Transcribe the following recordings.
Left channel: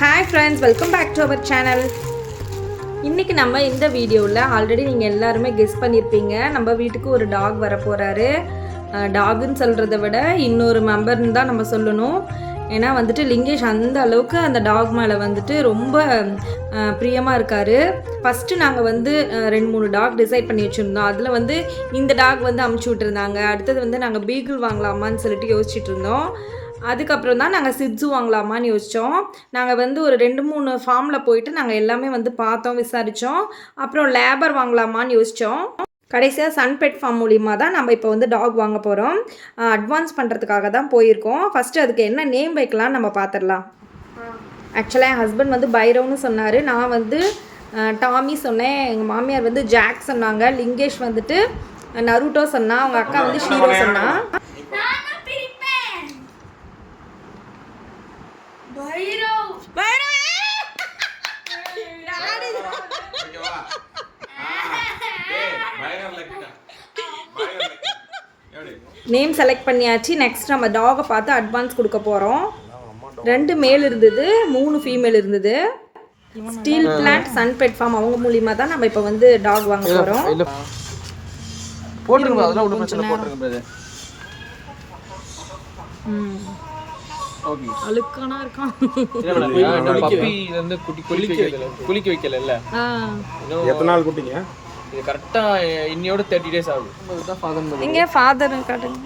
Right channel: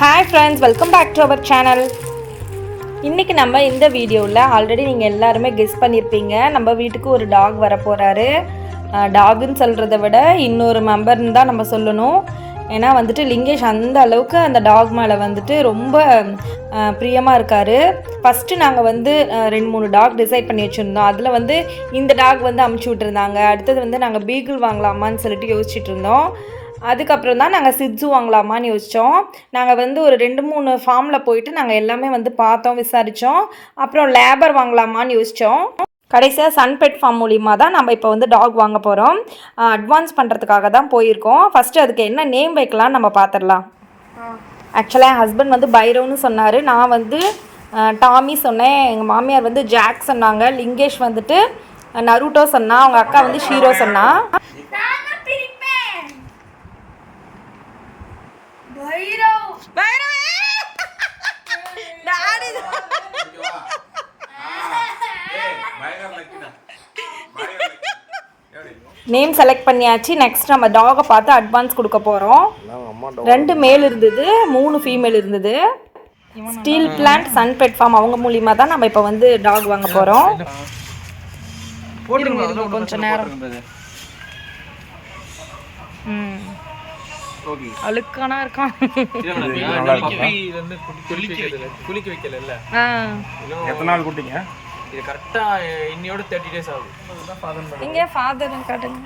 Hi friends, welcome back to our channel. இன்னைக்கு நம்ம இந்த வீடியோவில் ஆல்ரெடி நீங்கள் எல்லாருமே கெஸ் பண்ணியிருப்பீங்க, நம்ம வீட்டுக்கு ஒரு டாக் வர போகிறாரு. டாகுன்னு சொல்கிறத விட இன்னொரு மெம்பர்னு தான் நம்ம சொல்லணும். ஏன்னா வந்துட்டு லிங்கேஷ் அந்த அளவுக்கு அந்த டாக் மேலே வந்துட்டு ரொம்ப பிரியமாக இருக்கார். ஃபஸ்ட்டு நாங்கள் வந்து 2-3 டாக் டிசைட் பண்ணி வச்சுருந்தோம். அதில் வந்து இந்த டாக் வந்து அமுச்சு விட்டுருந்தாங்க. அடுத்தது வந்து நாங்கள் பீகிள் வாங்கலாமான்னு சொல்லிட்டு யோசிச்சுட்டு இருந்தோம். அதுக்கப்புறம் தான் நாங்கள் சிட்ஸு வாங்கலாமான்னு யோசித்தோம். நாங்கள் வந்து ஒரு 2-3 ஃபார்மில் போயிட்டு நாங்கள் எல்லாமே வந்து பார்த்தோம், விசாரித்தோம். அப்புறம் லேபர் வாங்கலாமான்னு யோசித்தோம். கடைசியாக சன்பெட் ஃபார்ம் மூலிமா தான் நம்ம இப்போ வந்து டாக் வாங்க போகிறோம். அட்வான்ஸ் பண்ணுறதுக்காக தான் போயிருக்கோம். ஃபஸ்ட்டு அதுக்கு என்ன நேம் வைக்கலான்னு நம்ம பார்த்துடலாம். ஆக்சுவலாக என் ஹஸ்பண்ட் வந்து பைரவ்னு சொன்னார், நான் வந்து டாமி சொன்னேன், எங்கள் மாமியார் வந்து ஜாக் சொன்னாங்க, லிங்கேஷ் வந்துட்டு நருட்டோ சொன்னா, அவங்க அக்கா வந்து ஷீரோ சொன்னா. நேம் செலக்ட் பண்ணியாச்சு. நெக்ஸ்ட் நம்ம டாகை பார்த்து அட்வான்ஸ் கொடுக்க போகிறோம். 2 மேல் இருந்தது, 3 ஃபீமேல் இருந்தது. ஸ்டீல் பிளான்ட் சன்பெட் ஃபார்ம் அவங்க மூலிமா தான் நம்ம இப்போ வந்து டாக் வாங்க போகிறோம். கொஞ்சம் நேரம் அழுக்கானா இருக்கான். குளிக்க வைக்கல. எத்தனை நாள் குட்டிங்க? இது கரெக்டா இன்னையோட 30 days ஆகுது. இங்க ஃபாதர் காட்டுங்க.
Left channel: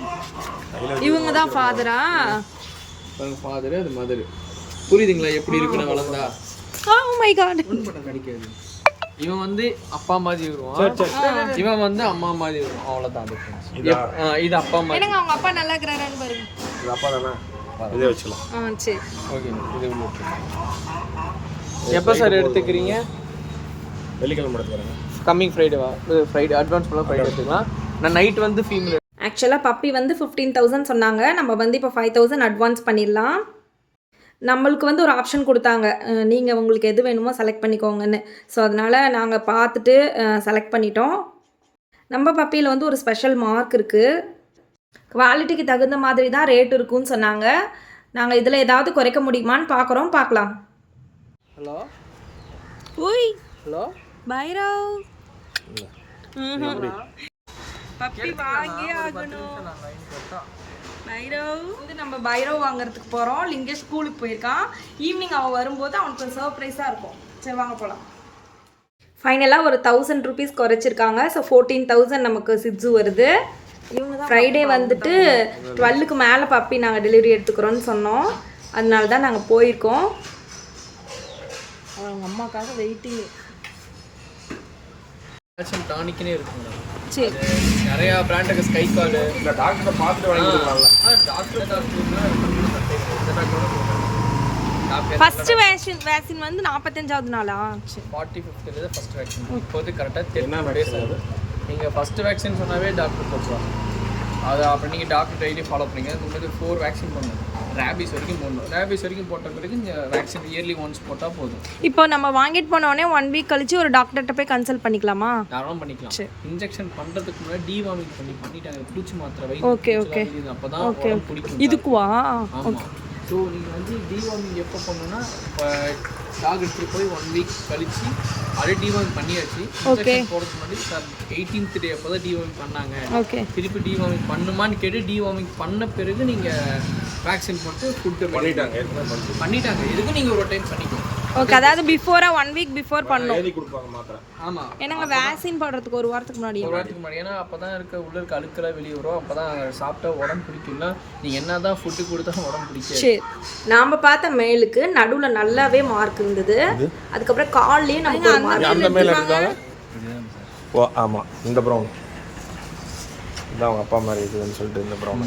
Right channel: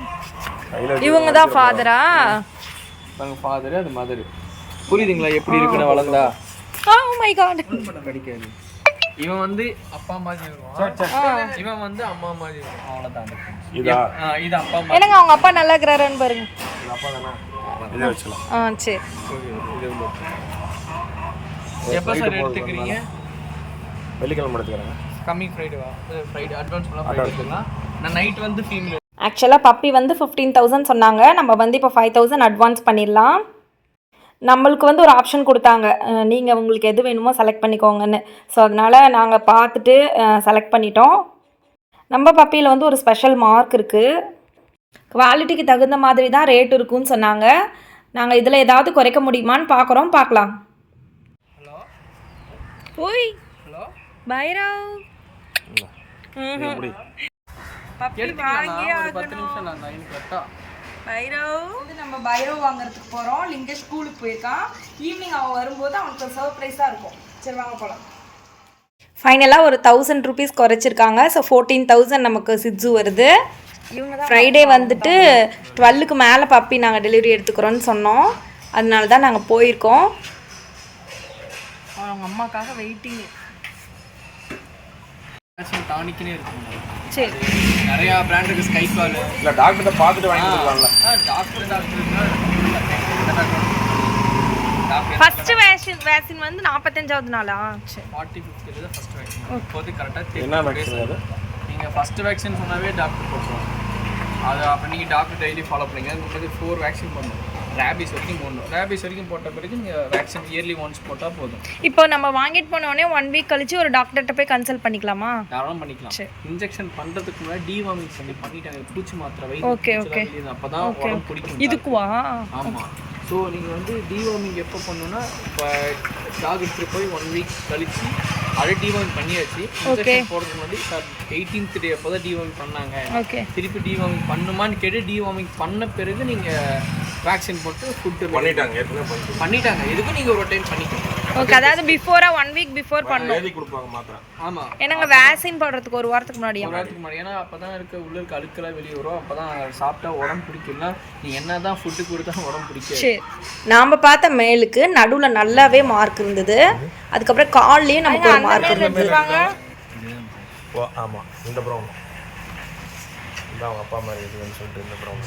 இவங்க தான் ஃபாதரா? பாருங்க, ஃபாதர் அது மதர். புரியுதுங்களா எப்படி இருக்குன்னு வளர்ந்தா? Oh my God. கிடைக்காது. இவன் வந்து அப்பா மாதிரி இருக்கும், இவன் வந்து அம்மா மாதிரி இருக்கும். அவ்வளவுதான் டிஃபரன்ஸ். இது அப்பா மாதிரி. என்னங்க அவங்க அப்பா நல்லா இருக்கறாருன்னு பாருங்க. இது அப்பா தானா? இதை வச்சலாம். சரி. ஓகே, இது உள்ள. எப்போ சார் எடுத்துக்கிறீங்க? வெள்ளிக்கிழமை எடுத்துக்கறேன். கம்மிங் ஃப்ரைடேவா? ஃப்ரைடே அட்வான்ஸ் பண்ணலாம். ஃப்ரைடே எடுத்துக்கலாம். நான் நைட் வந்து ஃபீமேல். ஆக்சுவலாக பப்பி வந்து 15,000 சொன்னாங்க. நம்ம வந்து இப்போ 5,000 அட்வான்ஸ் பண்ணிடலாம். நம்மளுக்கு வந்து ஒரு ஆப்ஷன் கொடுத்தாங்க, நீங்கள் உங்களுக்கு எது வேணுமோ செலக்ட் பண்ணிக்கோங்கன்னு. ஸோ அதனால் நாங்கள் பார்த்துட்டு செலக்ட் பண்ணிட்டோம். நம்ம பப்பியில் வந்து ஒரு ஸ்பெஷல் மார்க் இருக்குது. குவாலிட்டிக்கு தகுந்த மாதிரி தான் ரேட் இருக்குன்னு சொன்னாங்க. நாங்கள் இதில் ஏதாவது குறைக்க முடியுமான்னு பார்க்கலாம். ஹலோ. ஓய். ஹலோ பைரவ். பப்பி வாங்கி ஆகணும். பைரவ் வந்து நம்ம பைரவ் வாங்குறதுக்கு போகிறோம். லிங்கேஷ் ஸ்கூலுக்கு போயிருக்கான். ஈவினிங் அவன் வரும்போது அவனுக்கு ஒரு சர்ப்ரைஸாக இருக்கும். சரி வாங்க போகலாம். ஃபைனலாக ஒரு 1000 rupees குறைச்சிருக்காங்க. ஸோ 14,000 நமக்கு சிட்ஸு வருது. ஃப்ரைடே வந்துட்டு 12க்கு மேலே பப்பி நாங்கள் டெலிவரி எடுத்துக்கிறோன்னு சொன்னோம். அதனால தான் நாங்கள் போயிருக்கோம். அவங்க அம்மாக்காக வெயிட்டிங். டானிக்னே இருக்கு மேடம். சரி, நிறையா பிராண்டுக்கு ஸ்கை கால் இல்லை டாக்டரை பார்த்துட்டு வாங்கிக்கலாம்ல. டாக்டர்னா ஃபர்ஸ்ட் வேக்சின் வந்து 45வது நாளா? சரி, 45th தான் ஃபர்ஸ்ட் வேக்சின். இப்போது கரெக்டாக என்ன வேக்சின்? நீங்கள் ஃபர்ஸ்ட் வேக்சின் சொன்னாவே டாக்டர் போட்டுருவாங்க. அதை அப்போ நீங்கள் டாக்டர் டெய்லி ஃபாலோ பண்ணுங்க. உங்களுக்கு 4 வேக்சின் பண்ணணும். ரேபிஸ் வரைக்கும் போடணும். ரேபிஸ் வரைக்கும் போட்ட பிறகு நீங்கள் வேக்சின் இயர்லி ஒன்ஸ் போட்டால் போதும். இப்போ நம்ம வாங்கிட்டு போனோடனே 1 வீக் கழிச்சு ஒரு டாக்டர்கிட்ட போய் கன்சல்ட் பண்ணிக்கலாமா? தாராளம் பண்ணிக்கலாம். இன்ஜெக்ஷன் பண்ணுறதுக்கு முன்னாடி டிவார்மிங் பண்ணிட்டாங்க. பூச்சி மாத்திரை ஓகே அப்போ தான் உடம்பு பிடிக்கும். இதுக்குவா? ஆமாம். ஸோ நீங்கள் வந்து டிவார்மிங் எப்போ பண்ணணும்னா, இப்போ டாக் எடுத்துகிட்டு போய் 1 வீக் கழிச்சு அதே டிவார்மிங் பண்ணியாச்சு. போகிறதுக்கு முன்னாடி 18th day அப்போ தான் டிவார்மிங் பண்ணாங்க. திருப்பி டிவார்மிங் பண்ணுமான்னு கேட்டு டிவார்மிங் பண்ண பிறகு நீங்கள் வேக்சின் போட்டு ஃபுட்டு பண்ணிட்டாங்க. எதுக்கும் நீங்கள் ஒரு டைம் பண்ணிக்கணும். ஓகே, அதாவது பிஃபோரா 1 வீக் பிஃபோர் பண்ணணும். எழுதி கொடுப்பாங்க மாத்திரை. ஆமாம், ஏன்னாங்க வேக்சின் போடுறதுக்கு ஒரு வாரத்துக்கு முன்னாடி. ஏன்னா அப்போ தான் உள்ள இருக்க அழுக்கெல்லாம் வெளியே வரும். அப்போ தான் சாப்பிட்டா உடம்பு பிடிக்கும்னா நீங்கள் என்ன தான் ஃபுட்டு கொடுத்தா உடம்பு பிடிக்கும். சரி, நாம் பார்த்த மேலுக்கு நடுவில் நல்லாவே மார்க் இருந்தது. அதுக்கப்புறம் கால்லேயும் நமக்கு ஒரு மார்க் எடுத்துருவாங்க. ஓ ஆமாம், இந்த ப்ரௌன் இதான் அவங்க அப்பா மாதிரி இருக்குதுன்னு சொல்லிட்டு இந்த ப்ரௌன்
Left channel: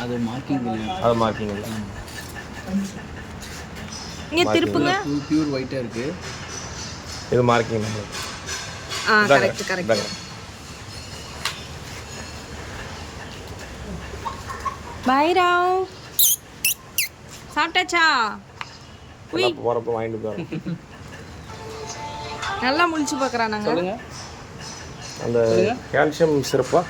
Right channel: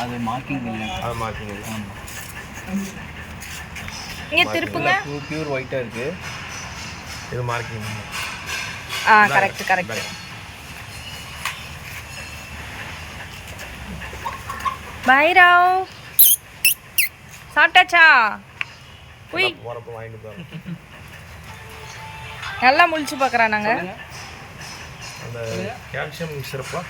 அது மார்க்கிங் இல்லை. அது மார்க்கிங் இல்லை. ஆமாம், இங்கே திருப்புங்க. பியூர் ஒயிட்டாக இருக்குது. இது மார்க்கிங். கரெக்ட். பைரவ் சாப்பிட்டாச்சா? உய், போகிறப்ப வாங்கிட்டு தான் நல்லா முழிச்சு பார்க்குறானாங்க. அந்த கால்சியம் சிறப்பா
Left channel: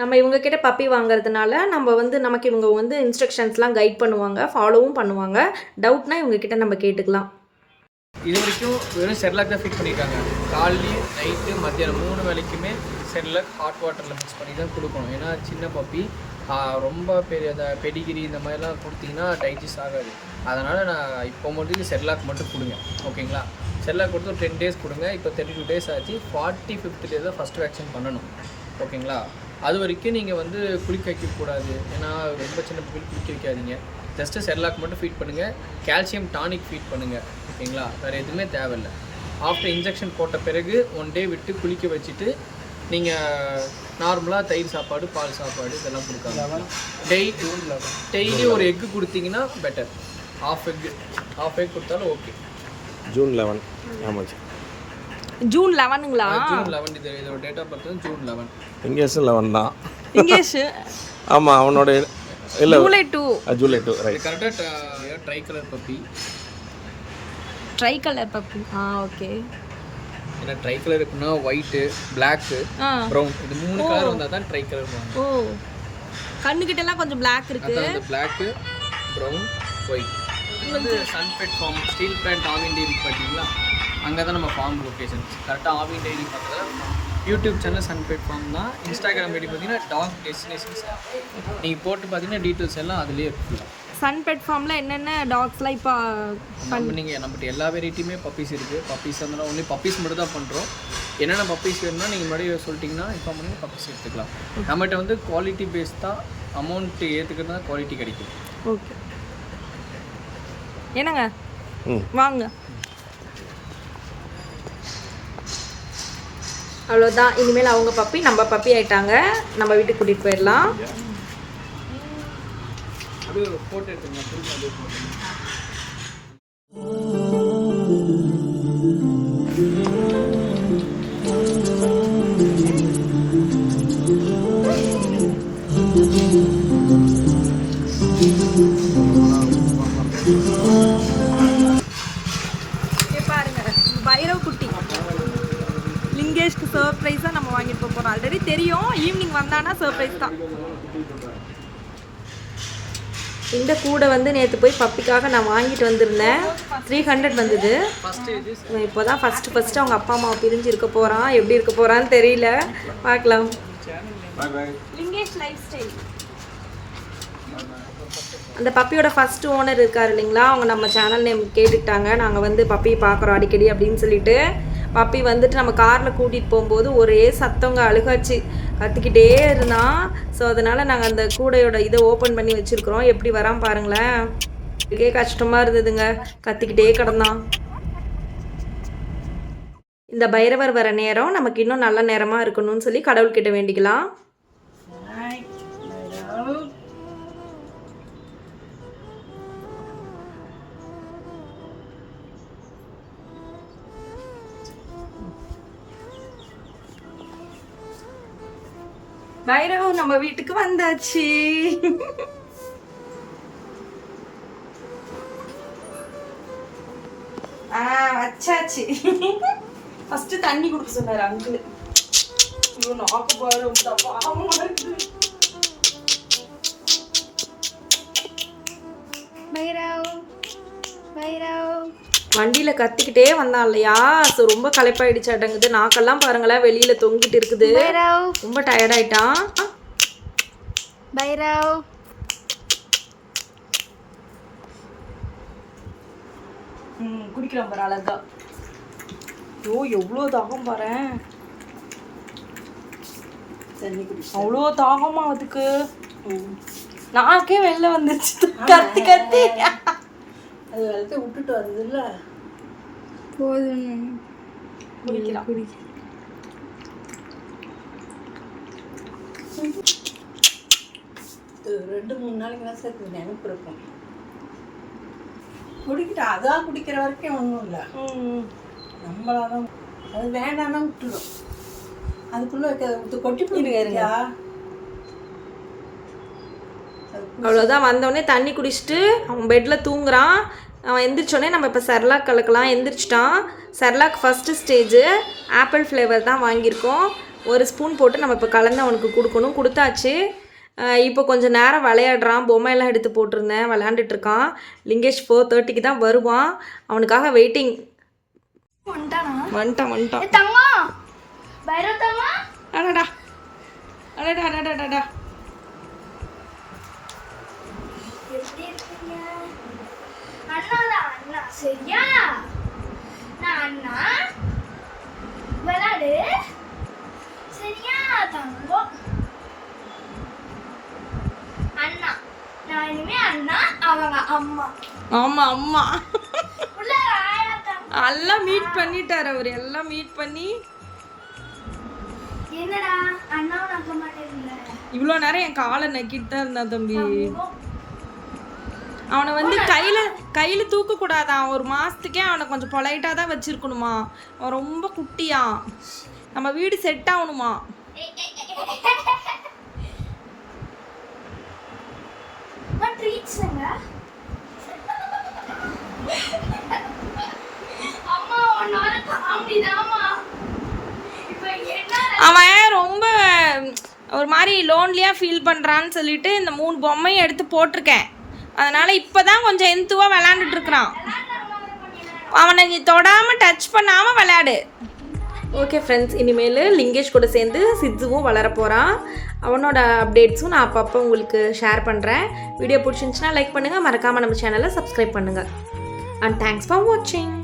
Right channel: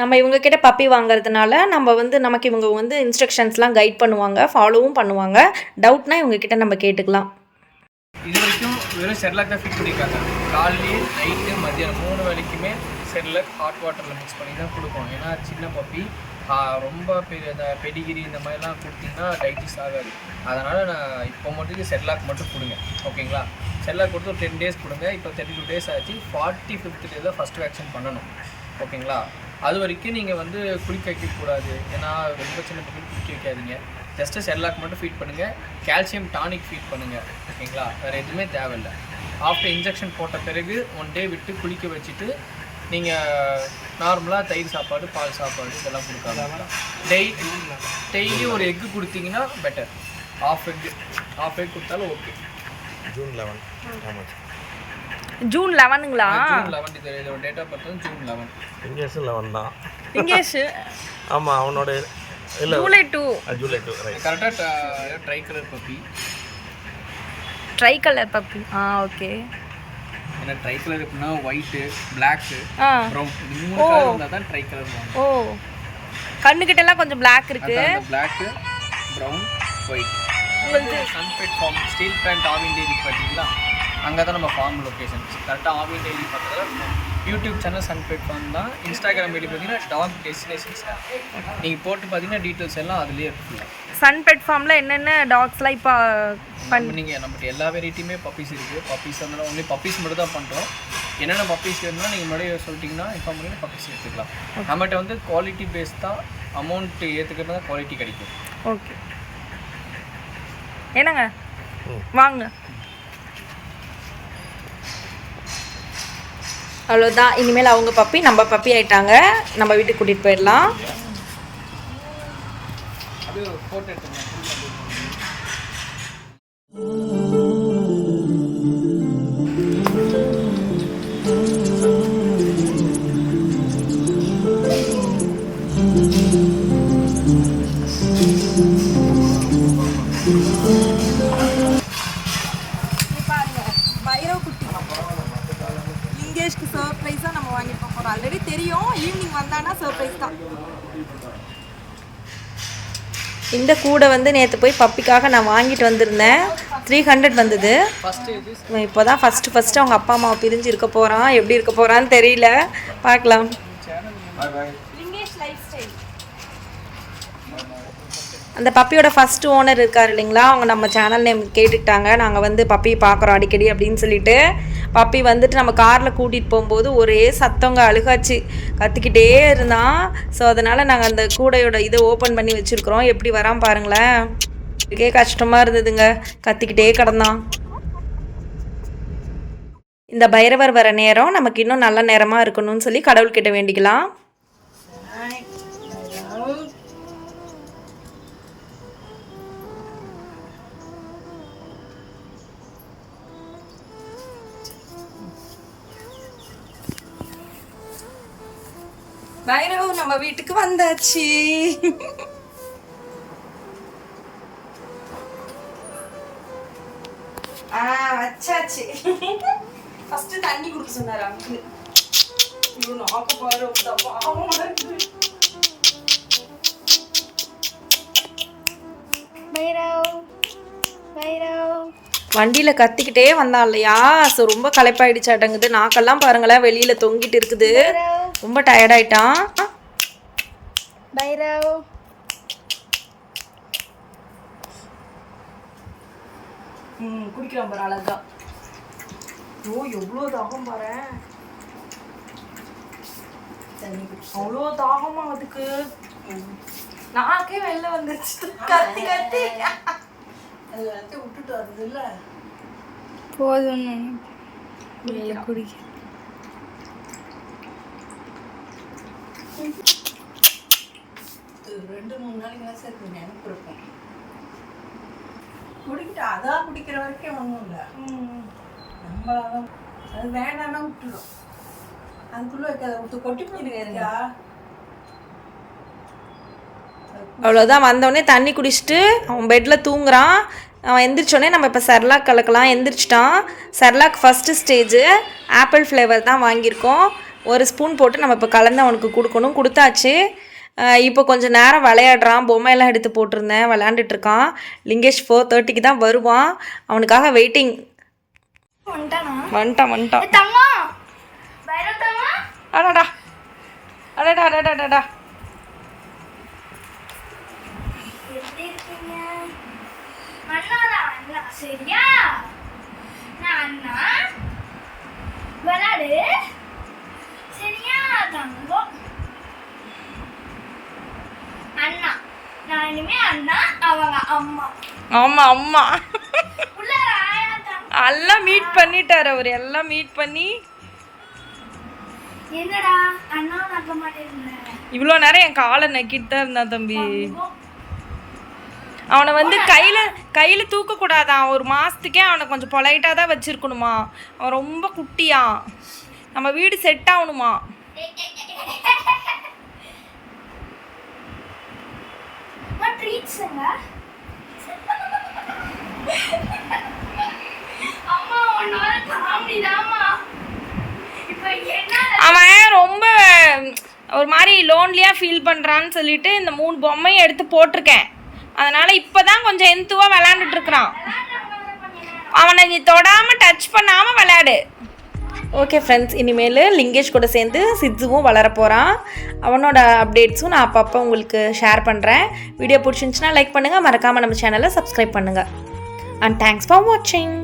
நம்ம இவங்க கிட்ட பப்பி வாங்குறதுனால நம்ம வந்து நமக்கு இவங்க வந்து இன்ஸ்ட்ரக்ஷன்ஸ்லாம் கைட் பண்ணுவாங்க, ஃபாலோவும் பண்ணுவாங்க. டவுட்னா இவங்க கிட்ட நம்ம கேட்டுக்கலாம். இது வரைக்கும் வெறும் செர்லாக் தான் ஃபீட் பண்ணியிருக்காங்க. காலையிலேயும் நைட்டு மத்தியானம் 3 வேளைக்குமே செர்லாக் ஹாட் வாட்டரில் மிக்ஸ் பண்ணி தான் கொடுப்போம். ஏன்னா சின்ன பப்பி ரொம்ப பெரிய பெடிகிரி இந்த மாதிரிலாம் கொடுத்தீங்கன்னா டைஜஸ்ட் ஆகாது. அதனால் நான் இப்போ மட்டும் செர்லாக் மட்டும் கொடுங்க, ஓகேங்களா? செர்லாக் கொடுத்து ஒரு 10 டேஸ் கொடுங்க. இப்போ 32 டேஸ் ஆச்சு. 45th டே தான் ஃபஸ்ட் வேக்சின் பண்ணணும், ஓகேங்களா? அது வரைக்கும் நீங்கள் வந்து குளிக்க வைக்கக்கூடாது. ஏன்னா ரொம்ப சின்ன பப்பி குளிக்க வைக்காதீங்க. ஜஸ்ட்டு செர்லாக் மட்டும் ஃபீட் பண்ணுங்கள். கால்சியம் டானிக் ஃபீட் பண்ணுங்கள், ஓகேங்களா? வேறு எதுவுமே தேவையில்லை. ஆஃப்டர் இன்ஜெக்ஷன் போட்ட பிறகு 1 டே விட்டு குளிக்க வச்சுட்டு நீங்கள் நார்மலாக தயிர் சாப்பாடு, பால் சாப்பாடு இதெல்லாம் கொடுக்காம டெய்லி ஒரு எக்கு கொடுத்தீங்கன்னா பெட்டர். ஆஃப் எக் கொடுத்தாலும் ஓகே. ஜூன் 11. ஆமாம், ஜூன் 11ங்களா? ஜூன் 11 இதோட டேட் ஆஃப் பர்த் ஜூன் 11. இங்கேஸ் 11 தான். இங்கேஸ் ஆமாம், அவனோட இல்லை ஜூலை 2. ஜூலை 2 ரைட். கரெக்டாக try colour puppy. Try colour puppy, okay. ஏன்னா ட்ரை கலர் எப்படின்னா ஒயிட்டு, பிளாக்கு, ப்ரௌன், இது 3 கலர் வந்தால் தான் ட்ரை கலர் வாங்க. ஓ, கண்ணுக்கிட்டலாம் கொஞ்சம் பிளாக் இருக்கு. அந்த பிளாக்கு, ப்ரௌன், ஒயிட். உங்களுக்கு Sunbed farm steel plant Aavin dairy பார்த்தீங்களா? அங்கே தான் நம்ம ஃபார்ம் லொக்கேஷன். கரெக்டாக ஆவின் டெய்ரி பக்கத்தில் யூடியூப் சேனல் சன்பெட் ஃபார்ம் தான். இன்ஸ்டாகிராம் ஐடி பார்த்தீங்கன்னா டாக் டெஸ்டினேஷன்ஸ். நீங்கள் போட்டு பார்த்தீங்கன்னா டீட்டெயில்ஸ் எல்லாம் அதுலேயே இருக்குல்ல. சன்பெட் ஃபார்மில் என்னென்ன டாக்ஸ்லாம் இப்போ நீங்கள் நம்மகிட்ட எல்லா வெரைட்டியுமே பப்பீஸ் இருக்குது. பப்பீஸ் இருந்தாலும் ஒன்லி பப்பீஸ் மட்டும் தான் பண்ணுறோம். என்னென்ன பப்பீஸ் வேணும்னா நீங்கள் முன்னாடி சொல்லிட்டிங்கன்னா இன்ஃபார்ம் பண்ணி பப்பீஸ் எடுத்துக்கலாம். நம்மகிட்ட வந்து குவாலிட்டி பேஸ் தான். அமௌண்ட்டு ஏற்றுக்கிறது தான் குவாலிட்டி கிடைக்கும். ஓகே, என்னங்க வாங்க. அவ்வளோதான். இனிமேல் அவங்க பப்பி நம்ம பப்பி ஆயிட்டாங்க. நம்ம வீட்டுக்கு கூட்டிகிட்டு போயிடலாம். அப்படியே ஒரு ஃபோட்டோ எடுத்துங்க. அப்படியே ஃபோட்டோ. பாருங்க, பைரவ் குட்டி லிங்கேஷ்க்கு சர்ப்ரைஸாக நம்ம வாங்கிட்டு போகிறோம். ஆல்ரெடி தெரியும், ஈவினிங் வந்தானா சர்ப்ரைஸ் தான். இந்த கூடை வந்து நேற்று போய் பப்பிக்காக நான் வாங்கிட்டு வந்திருந்தேன். 300 வந்தது. இப்போ தான் ஃபஸ்ட்டு அவங்க அப்பா அம்மாவை பிரிஞ்சு இருக்க போகிறான். எப்படி இருக்க போகிறான்னு தெரியல, பார்க்கலாம். Lingesh life style. அந்த பப்பியோட ஃபஸ்ட்டு ஓனர் இருக்கார் இல்லைங்களா, அவங்க நம்ம சேனல் நேம் கேட்டுக்கிட்டாங்க. நாங்கள் வந்து பப்பியை பார்க்குறோம் அடிக்கடி அப்படின்னு சொல்லிட்டு. பப்பி வந்துட்டு நம்ம காரில் கூட்டிகிட்டு போகும்போது ஒரே சத்தங்க, அழுகாச்சு, கத்திக்கிட்டே இருந்தான். ஸோ அதனால் நாங்கள் அந்த கூடையோட இதை ஓப்பன் பண்ணி வச்சுருக்குறோம். எப்படி வரான் பாருங்களேன். இதுக்கே கஷ்டமாக இருந்ததுங்க, கத்திக்கிட்டே கிடந்தான். இந்த பைரவர் வர நேரம் நமக்கு இன்னும் நல்ல நேரமாக இருக்கணும்னு சொல்லி கடவுள்கிட்ட வேண்டிக்கலாம். பைரவ் நம்ம வீட்டுக்கு வந்தாச்சு. வச்சாச்சு. ஃபர்ஸ்ட் தண்ணி குடிக்க சொன்னாரு அங்கிள். ஐயோ நாக்க பாரு, பைரவ் பைரவ் வண்டியில் கத்திக்கிட்டே வந்தான் இல்லையா. ஸோ ரொம்ப களைப்பாயிடுச்சாட்டங்குது. நாக்கெல்லாம் பாருங்களேன் வெளியில் தொங்கிட்டு இருக்குது. ரொம்ப டயர்டாயிட்டான் பைரவ். குடிக்கிறான் பாரு அழகா. ஓ எவ்வளோ தாகம் பாரு, அவ்வளோ தாகமா அதுக்கு. நாக்கே வெளில வந்துருச்சு கத்தி கத்தி. அது வெள்ளத்தை விட்டுட்டு வருது இல்லை, போதும் குடிக்க. 2-3 நாளைக்கு தான் சேர்த்து நினைப்பு இருக்கும். குடிக்கிட்டு அதான் குடிக்கிற வரைக்கும் ஒன்றும் இல்லை. நம்மளாதான் அது வேண்டாம்னா விட்டுடும். அதுக்குள்ளே வைக்க கொட்டி போயிருக்கா. அவ்வளோதான். வந்தோடனே தண்ணி குடிச்சிட்டு அவன் பெட்டில் தூங்குறான். அவன் எந்திரிச்சோடனே நம்ம இப்போ செர்லாக் கலக்கலாம். எந்திரிச்சிட்டான். Cerelac first stage apple flavour தான் வாங்கியிருக்கோம். 1 ஸ்பூன் போட்டு நம்ம இப்போ கலந்து அவனுக்கு கொடுக்கணும். கொடுத்தாச்சு. இப்போ கொஞ்சம் நேரம் விளையாடுறான். பொம்மையெல்லாம் எடுத்து போட்டிருந்தேன், விளையாண்டுட்ருக்கான். லிங்கேஷ் 4:30க்கு தான் வருவான். அவனுக்காக வெயிட்டிங். வந்துட்டான். அடடா அடடா அடடா அடடா. சரியா அண்ணா விளையாடு. சரியா தங்கம்? அண்ணா நான் இனிமே அண்ணா, அவங்க அம்மா. அம்மா எல்லாம் மீட் பண்ணிட்டார் அவர். எல்லாம் மீட் பண்ணி என்னடா அண்ணா நக்க மாட்டேங்குற? இவ்வளோ நேரம் என் காலை நக்கிட்டு தான் இருந்தான் தம்பி. அவனை வந்து கையில் தூக்கக்கூடாதான். 1 மாதத்துக்கே அவனை கொஞ்சம் பொலைட்டாக தான் வச்சுருக்கணுமா. அவன் ரொம்ப குட்டியான். நம்ம வீடு செட் ஆகணுமா. அவன் ரொம்ப ஒரு மாதிரி லோன்லியாக ஃபீல் பண்ணுறான்னு சொல்லிட்டு இந்த 3 பொம்மையும் எடுத்து போட்டிருக்கேன். அதனால் இப்போ தான் கொஞ்சம் எந்துவாக விளையாண்டுட்ருக்குறான். அவனை நீ தொடாமல் டச் பண்ணாமல் விளையாடு. ஓகே ஃப்ரெண்ட்ஸ், இனிமேல் லிங்கேஷ் கூட சேர்ந்து சித்துவும் வளர போகிறான். அவனோட அப்டேட்ஸும் நான் அப்பப்போ உங்களுக்கு ஷேர் பண்ணுறேன். வீடியோ பிடிச்சிருந்துச்சுன்னா லைக் பண்ணுங்கள், மறக்காமல் நம்ம சேனலை சப்ஸ்கிரைப் பண்ணுங்கள். அண்ட் தேங்க்ஸ் ஃபார் வாட்சிங்.